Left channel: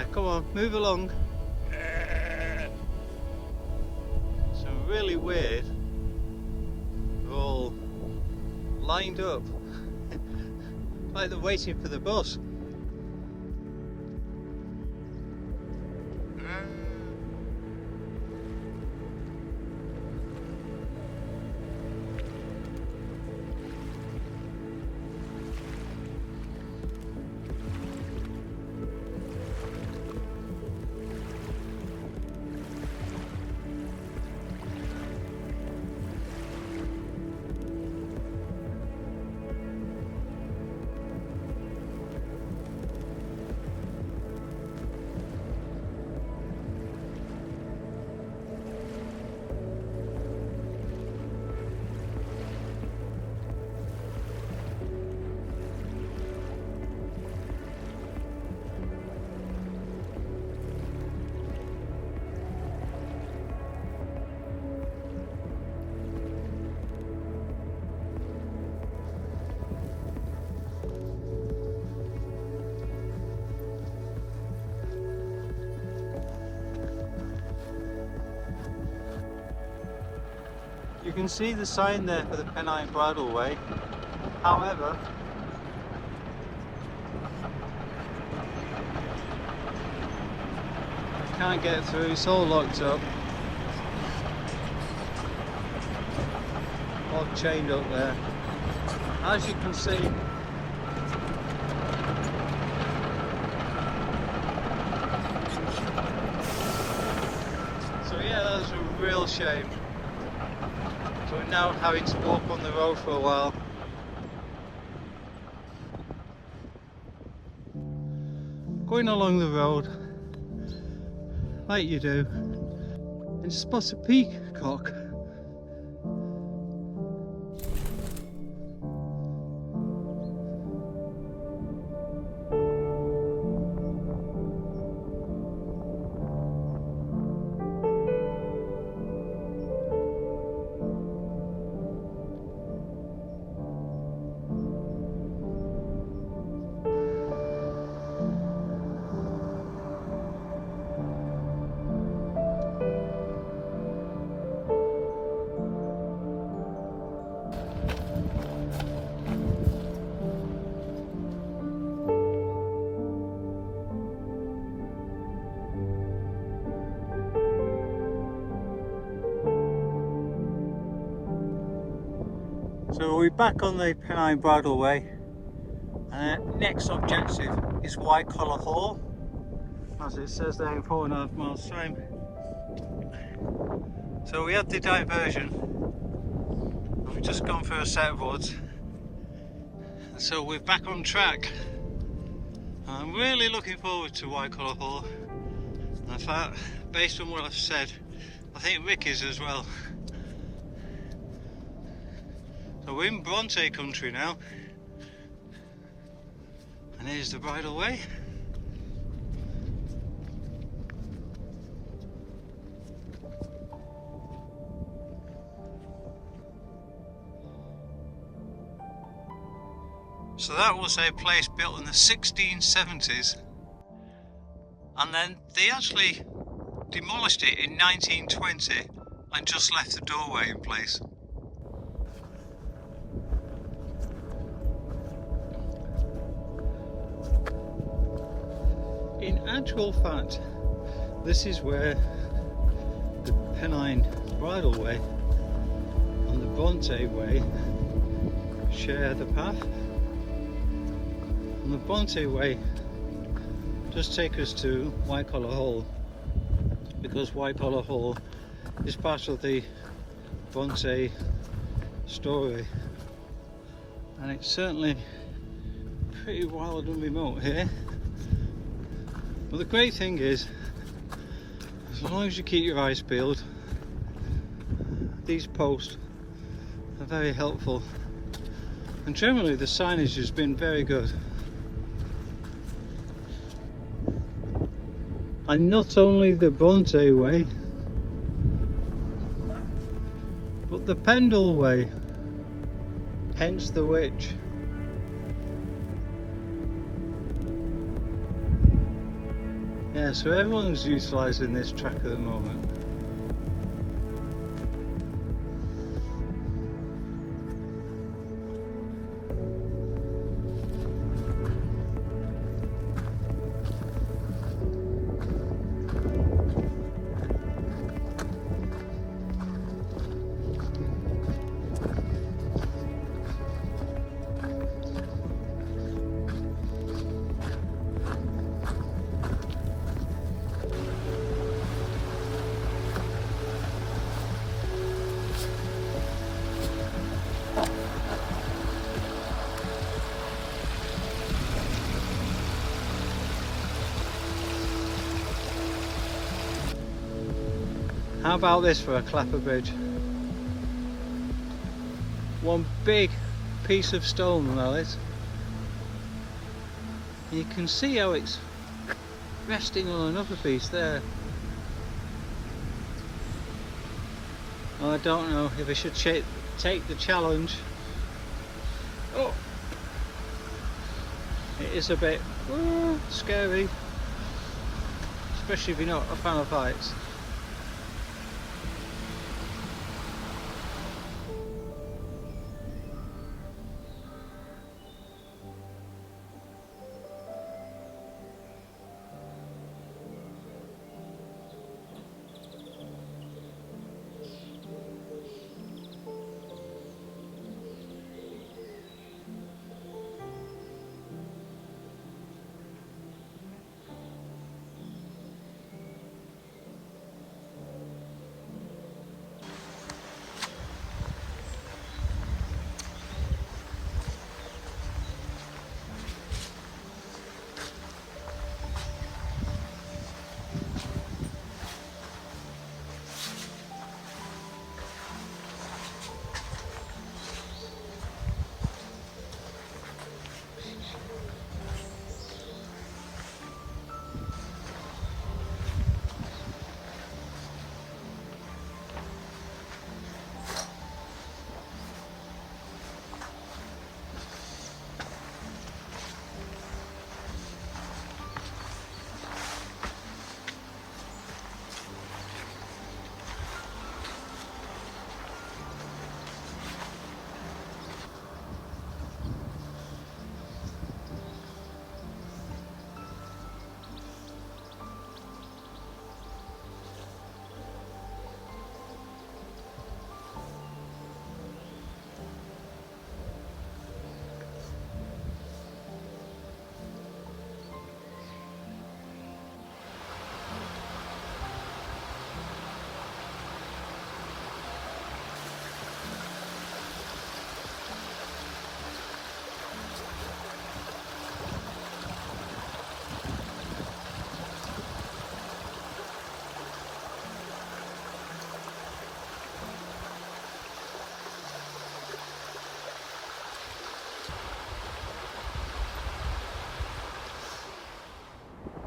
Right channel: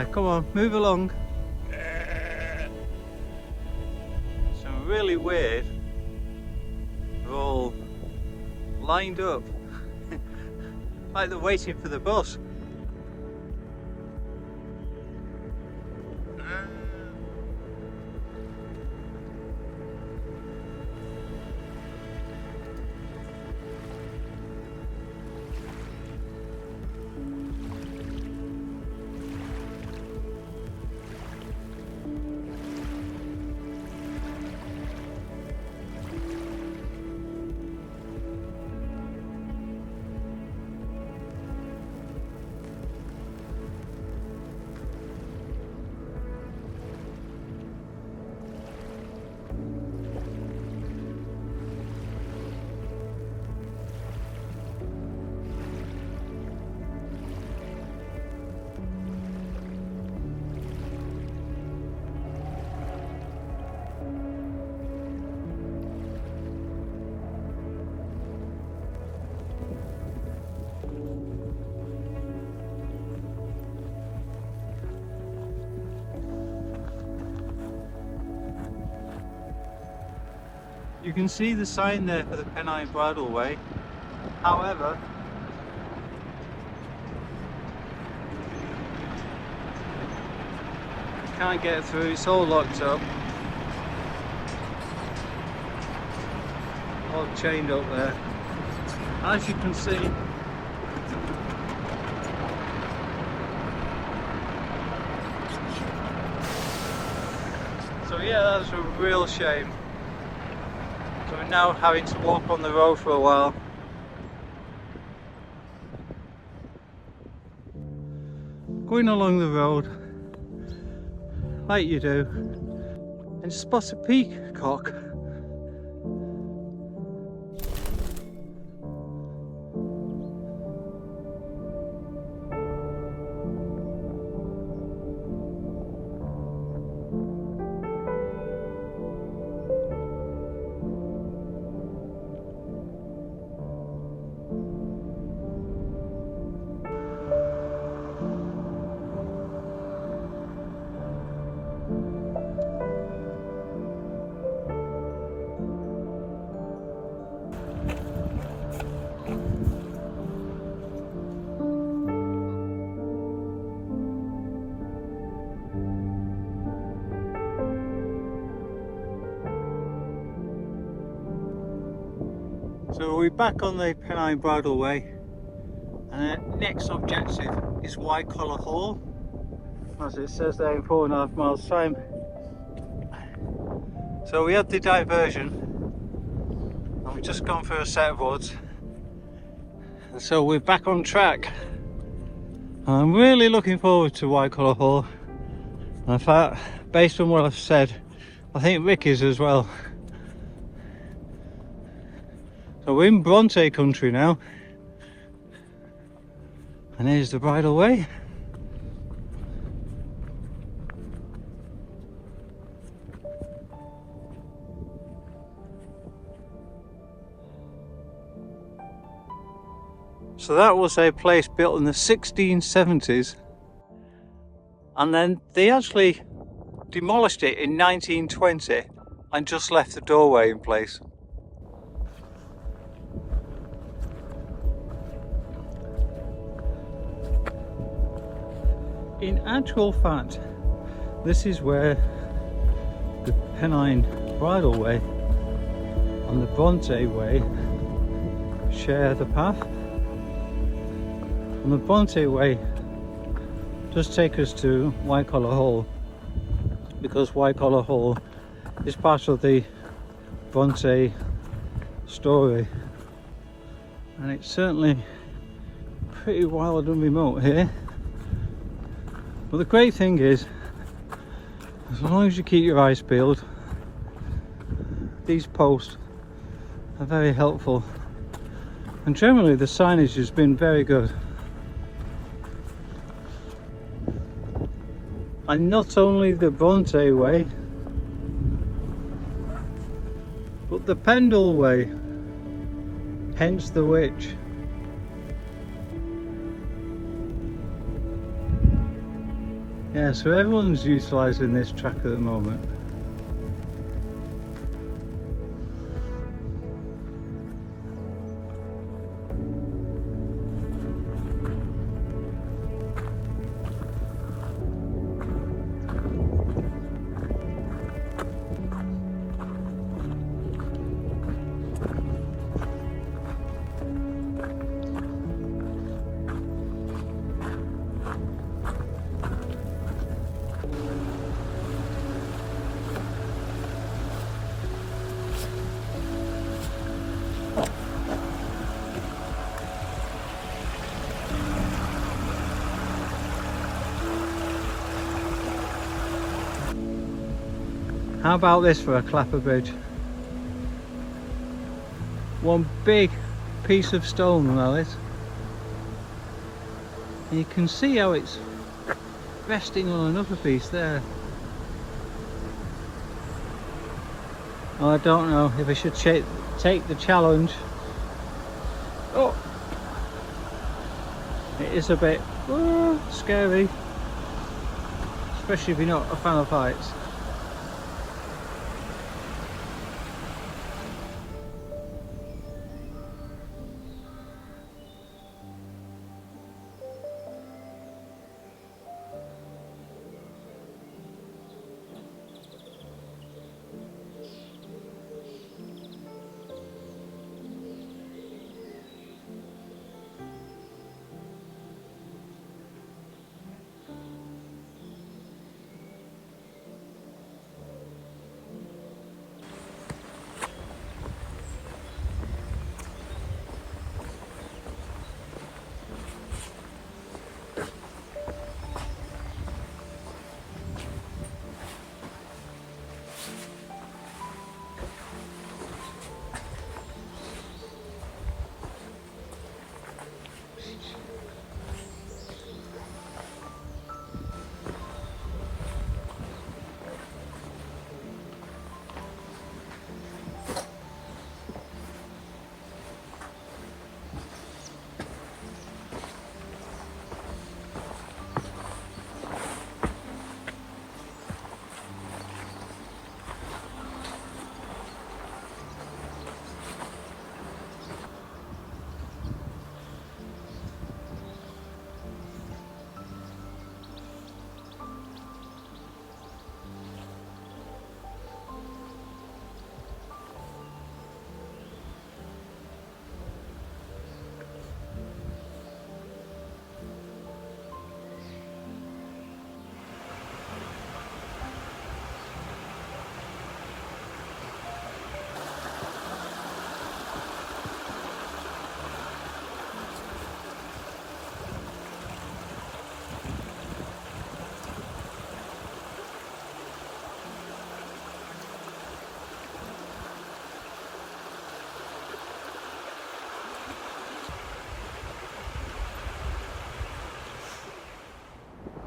Yeah, come on, move along. Some really weird. They're all lined up like they're waiting for the bus. You can see the sign there for the Pennine Bridleway. However, we can't get through, it's all locked up. All chained up there. As you can see, so yeah, that's a real shame. So we're now having to walk on the road for a while. Going along the road, like you do, and spot a peacock. So we're back on the Pennine Bridleway, and our next objective is Wycoller Hall, as it says there in 4.5 miles time. So we had the diversion, and we've just gone through a set of woods, and so we're back on track. And I'm really looking forward to Wycoller Hall. In fact, based on what I've said, I think Rick is as well. So we're in Brontë country now, and here's the Bridleway. So that was a place built in the 1670s, and then they actually demolished it in 1920 and just left the doorway in place. In actual fact, this is where the Pennine Bridleway and the Brontë Way share the path. And the Brontë Way does take us to Wycoller Hall, because Wycoller Hall is part of the Brontë story, and it's certainly pretty wild and remote here. But the great thing is, as long as you keep your eyes peeled, these posts are very helpful, and generally the signage has been very good. And not only the Brontë Way, but the Pendle Way, hence the witch. Yeah, so everyone's utilising this track at the moment. How about this for a clapper bridge? One big piece of stone, that is. And you can see how it's resting on another piece there. Well, I don't know if I should take the challenge. Oh! It is a bit scary, especially if you're not a fan of heights.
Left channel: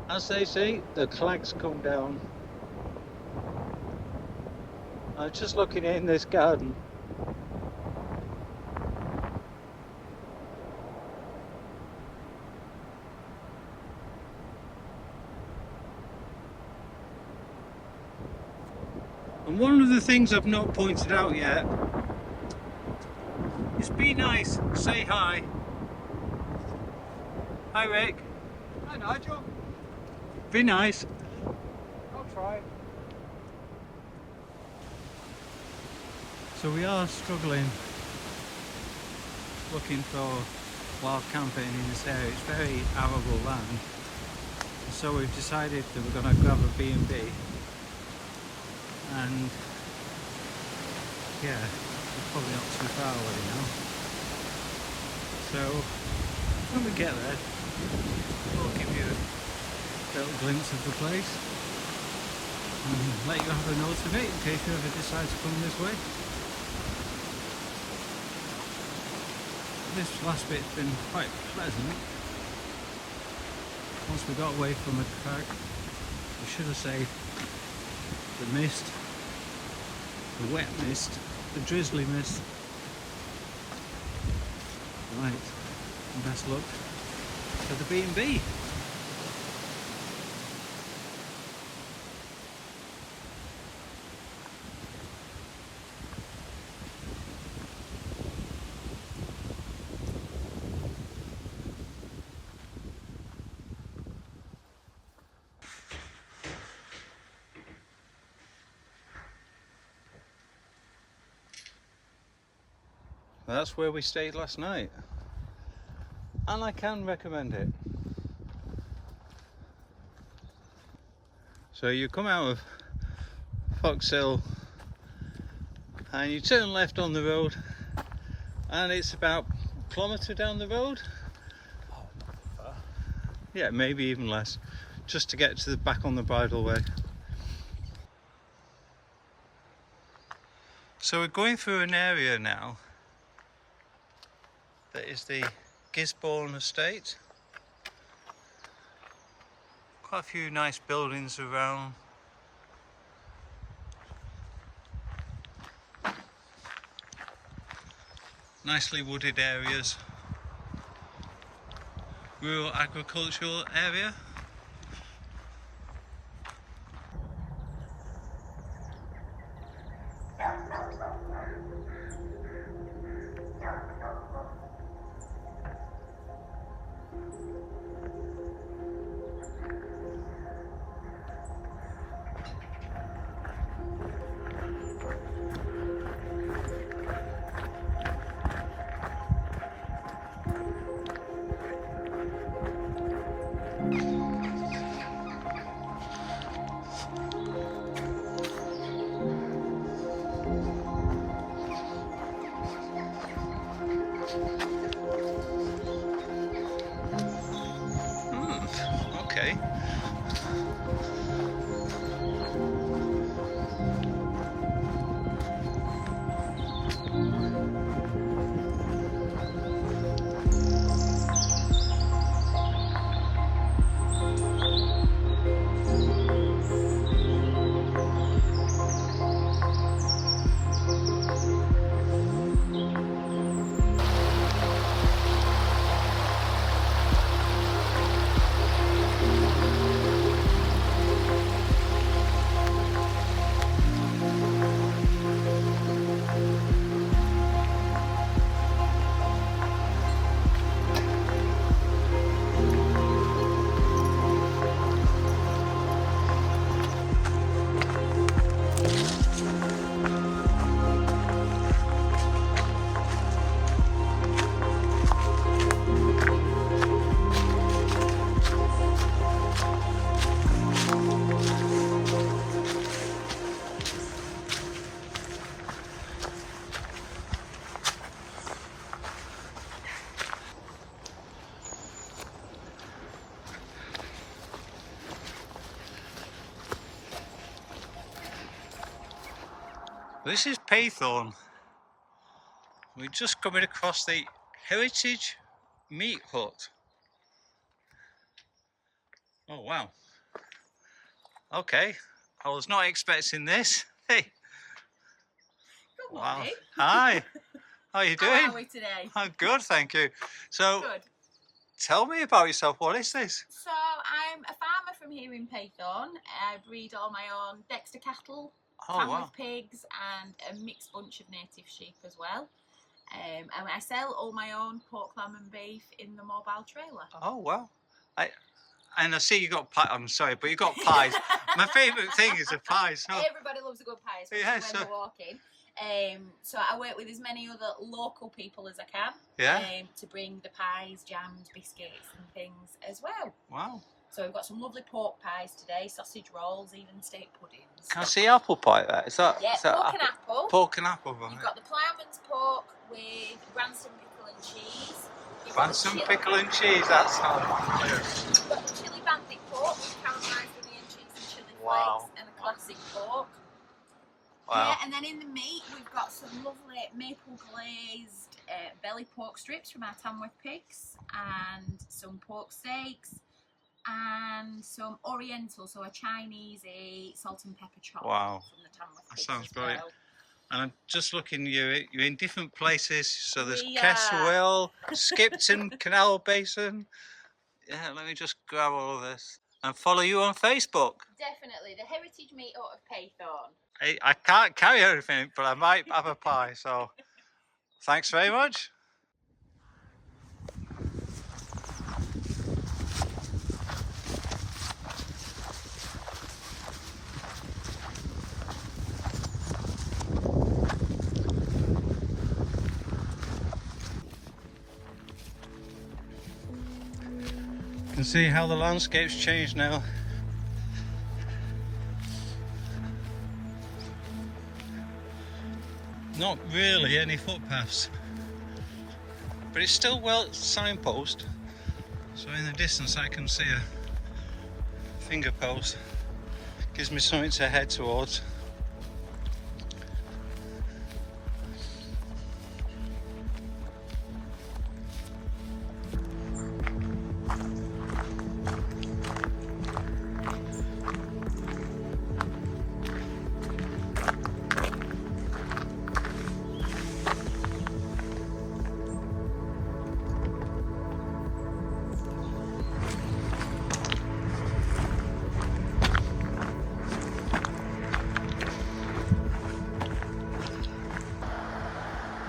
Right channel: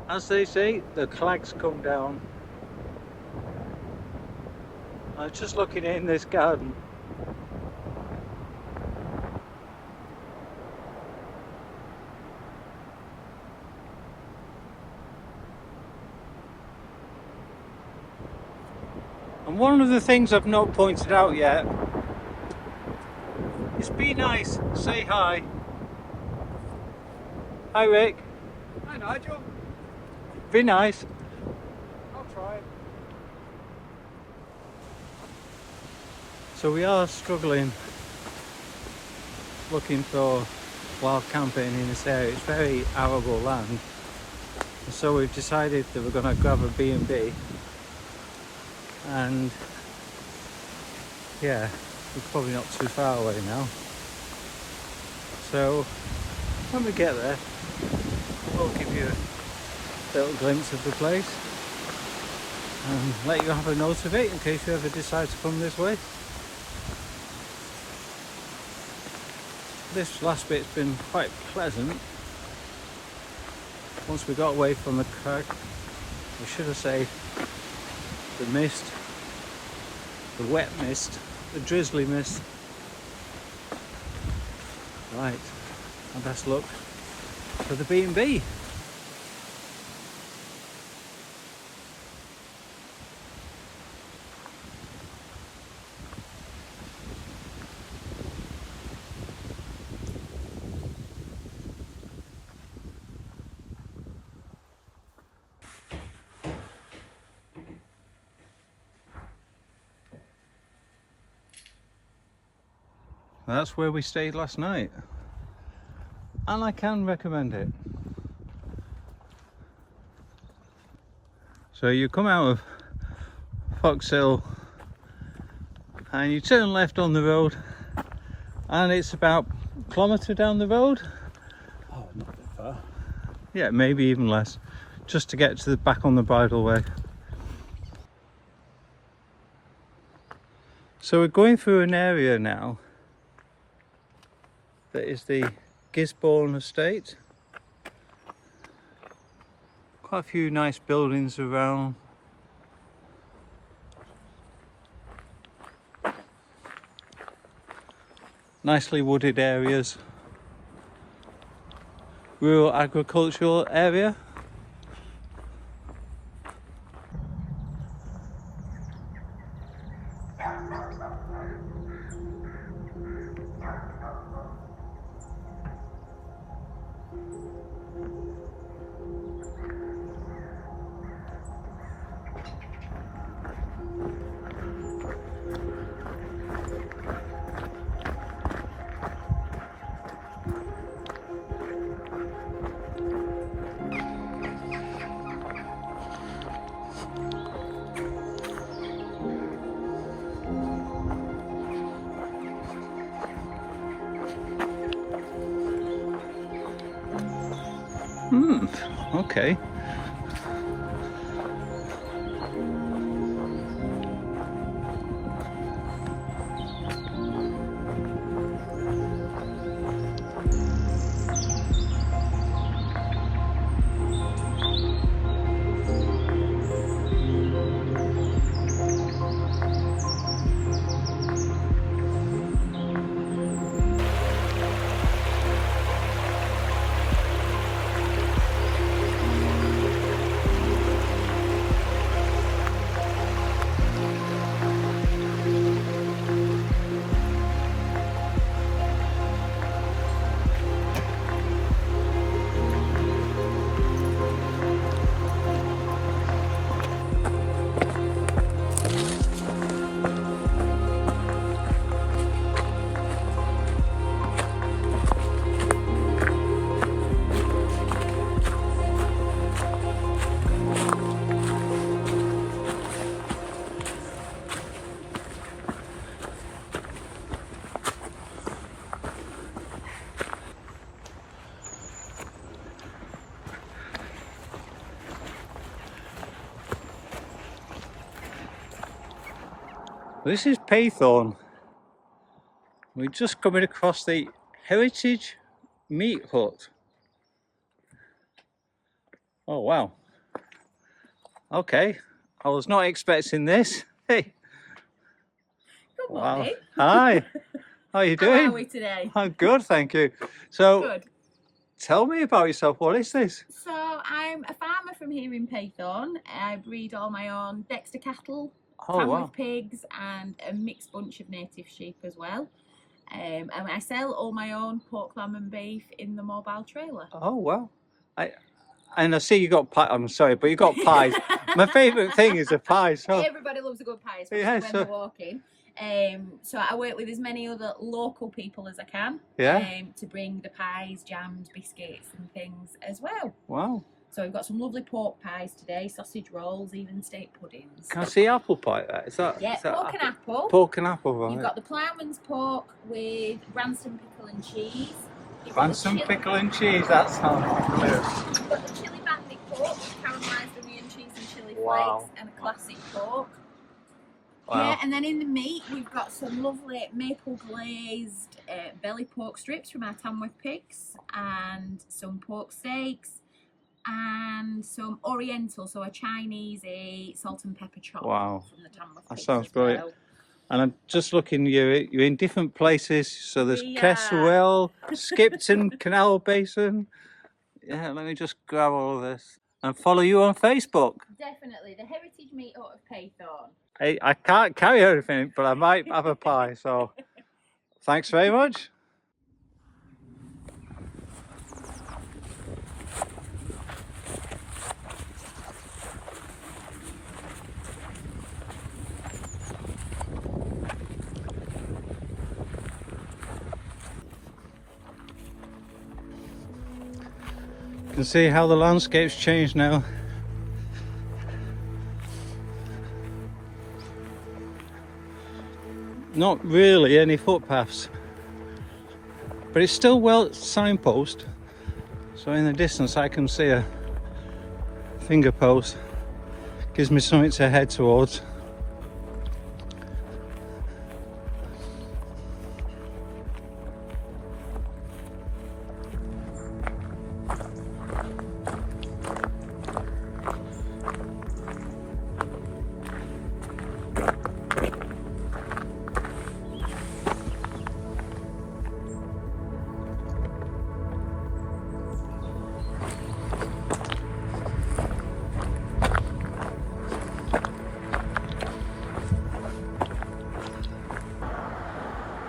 As they say, the clags come down. I'm just looking in this garden. And one of the things I've not pointed out yet is be nice, say hi. Hi Rick. Hi Nigel. Be nice. I'll try. So we are struggling looking for wild camping in this area. It's very arable land. And so we've decided that we're going to grab a B&B. And yeah, we're probably not too far away now. So when we get there, we'll give you a little glimpse of the place and let you have a note of it in case you ever decide to come this way. This last bit's been quite pleasant. Once we got away from the crag, I should have said the mist, the wet mist, the drizzly mist. Right, and best luck to the B&B. That's where we stayed last night, and I can recommend it. So you come out of Foxhill and you turn left on the road, and it's about a kilometre down the road. Oh, not that far. Yeah, maybe even less, just to get to the back on the Bridleway. So we're going through an area now that is the Gisborne estate. Quite a few nice buildings around. Nicely wooded areas. Rural agricultural area. Okay. This is Paythorne. We're just coming across the Heritage Meat Hut. Oh wow. Okay, I was not expecting this. Hey. Good Wow. morning. Hi. How are you doing? How are we today? I'm good, thank you. So, Good. tell me about yourself. What is this? So I'm a farmer from here in Paythorne. I breed all my own Dexter cattle, Oh Tamworth wow. pigs, and a mixed bunch of native sheep as well. And I sell all my own pork, lamb, and beef in the mobile trailer. Oh wow. And I see you got pie. I'm sorry, but you got pies. My favourite thing is a pie. So Everybody loves a good pie, especially Yeah, when so- they're walking. So I work with as many other local people as I can. Yeah. To bring the pies, jams, biscuits, and things as well. wow. So we've got some lovely pork pies today, sausage rolls, even steak puddings. Can I see apple pie there? Is that? Yeah, is that pork and apple. Pork and apple, right? You've got the ploughman's pork with Branston pickle and cheese. You've got the Branston chili- pickle and cheese. That sounds brilliant. You've got the chili bandit pork with caramelised onion, cheese and chili Wow. flakes, and a classic pork. Wow. Yeah, and then in the meat, we've got some lovely maple glazed belly pork strips from our Tamworth pigs, and some pork steaks, and some oriental, so a Chinese salt and pepper chop Wow. from the Tamworth That pigs sounds as brilliant. well. And I'm just looking, you're in different places. So there's Yeah. Castlewell, Skipton, Canal Basin. Yeah, let me just grab all of this and follow you on Facebook. Definitely, the Heritage Meat Hut of Paythorne. I can't carry everything, but I might have a pie. So thanks very much. You can see how the landscape's changed now. Not really any footpaths, but it's still well signpost. So in the distance I can see a finger post. Gives me something to head towards.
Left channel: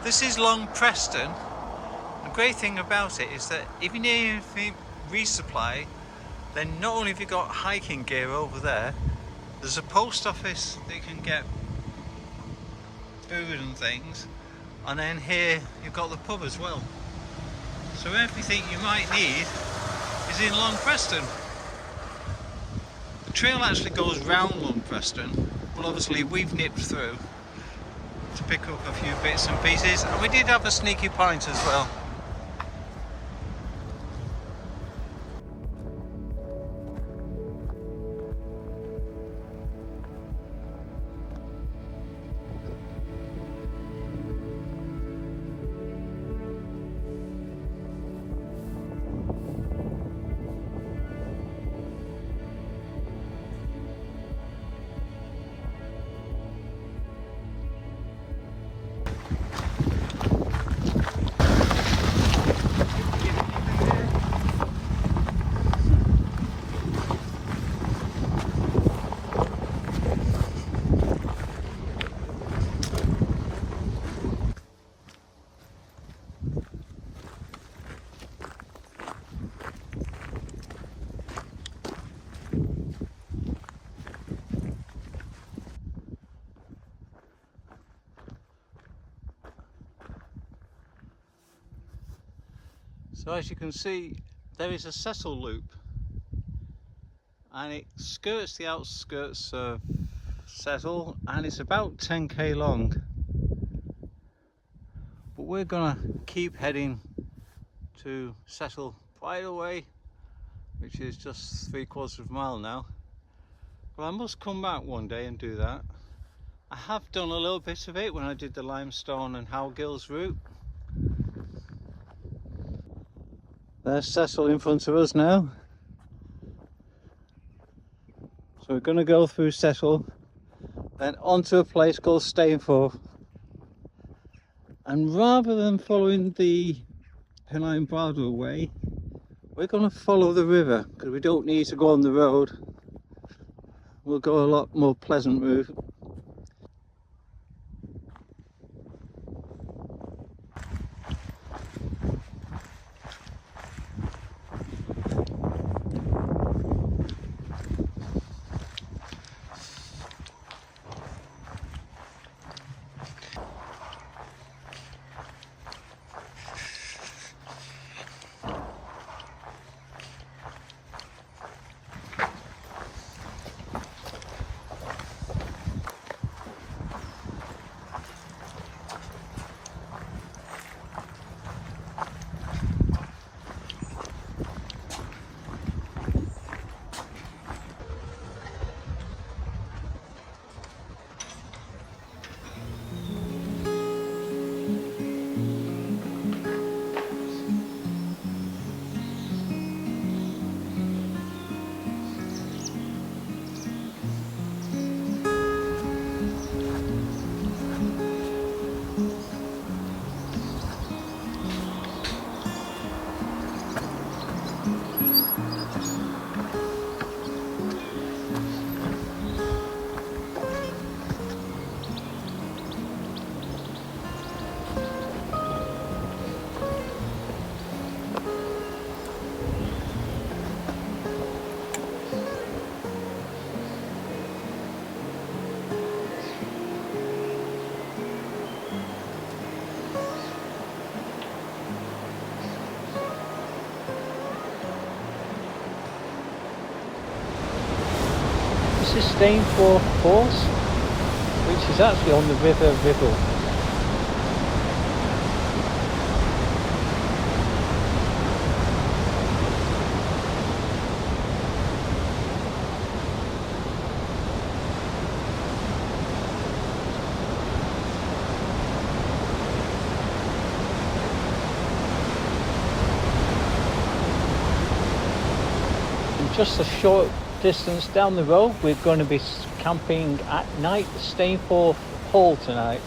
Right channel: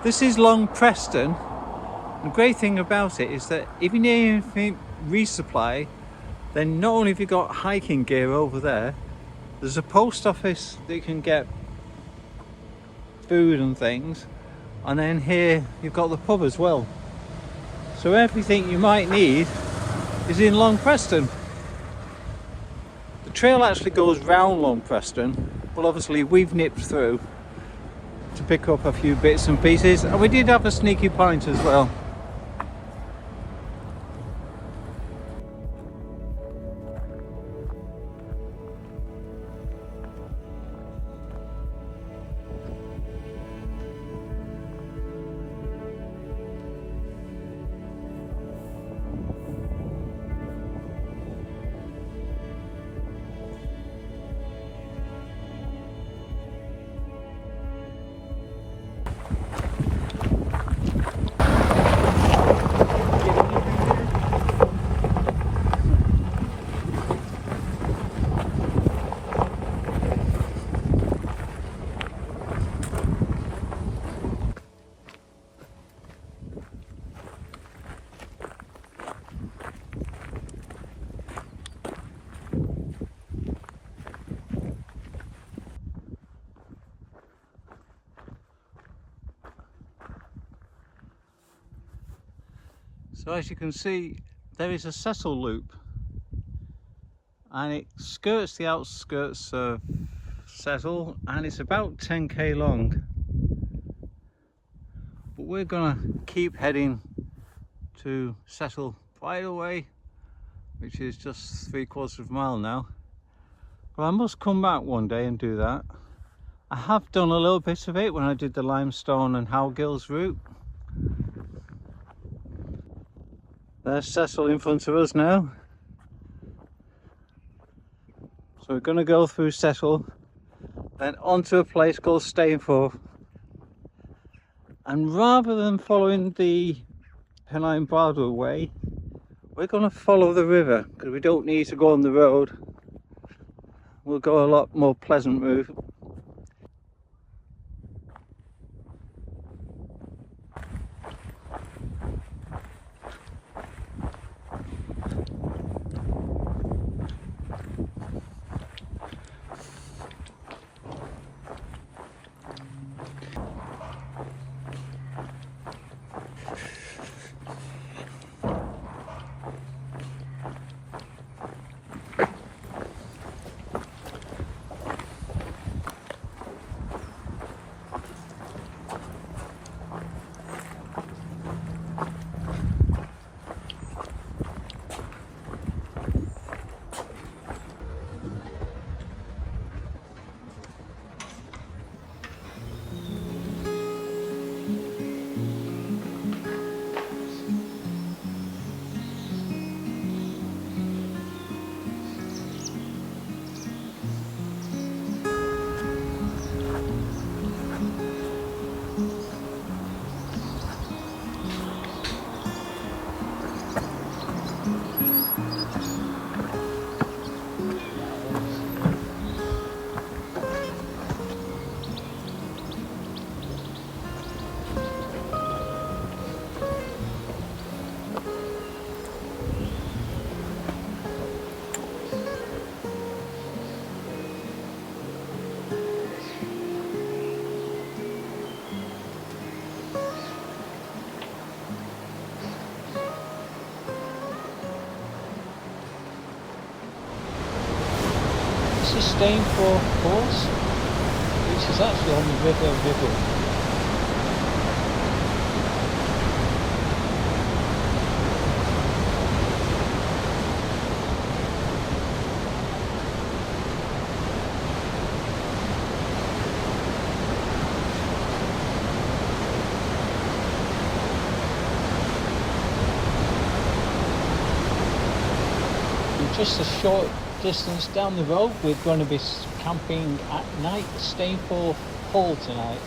This is Long Preston. The great thing about it is that if you need anything resupply, then not only have you got hiking gear over there, there's a post office that you can get food and things, and then here you've got the pub as well. So everything you might need is in Long Preston. The trail actually goes round Long Preston, but obviously we've nipped through to pick up a few bits and pieces, and we did have a sneaky pint as well. So as you can see, there is a Cecil loop, and it skirts the outskirts of Cecil, and it's about 10k long. But we're gonna keep heading to Cecil Bridleway, which is just 3/4 of a mile now. But I must come back one day and do that. I have done a little bit of it when I did the Limestone and Howgills route. There's Cecil in front of us now. So we're going to go through Cecil, then onto a place called Stainforth. And rather than following the Pennine Bridleway, we're going to follow the river, because we don't need to go on the road. We'll go a lot more pleasant route. this is Stainforth course, which is actually on the River Ribble. Just a short distance down the road, we're going to be camping at night at Stainforth Hall tonight.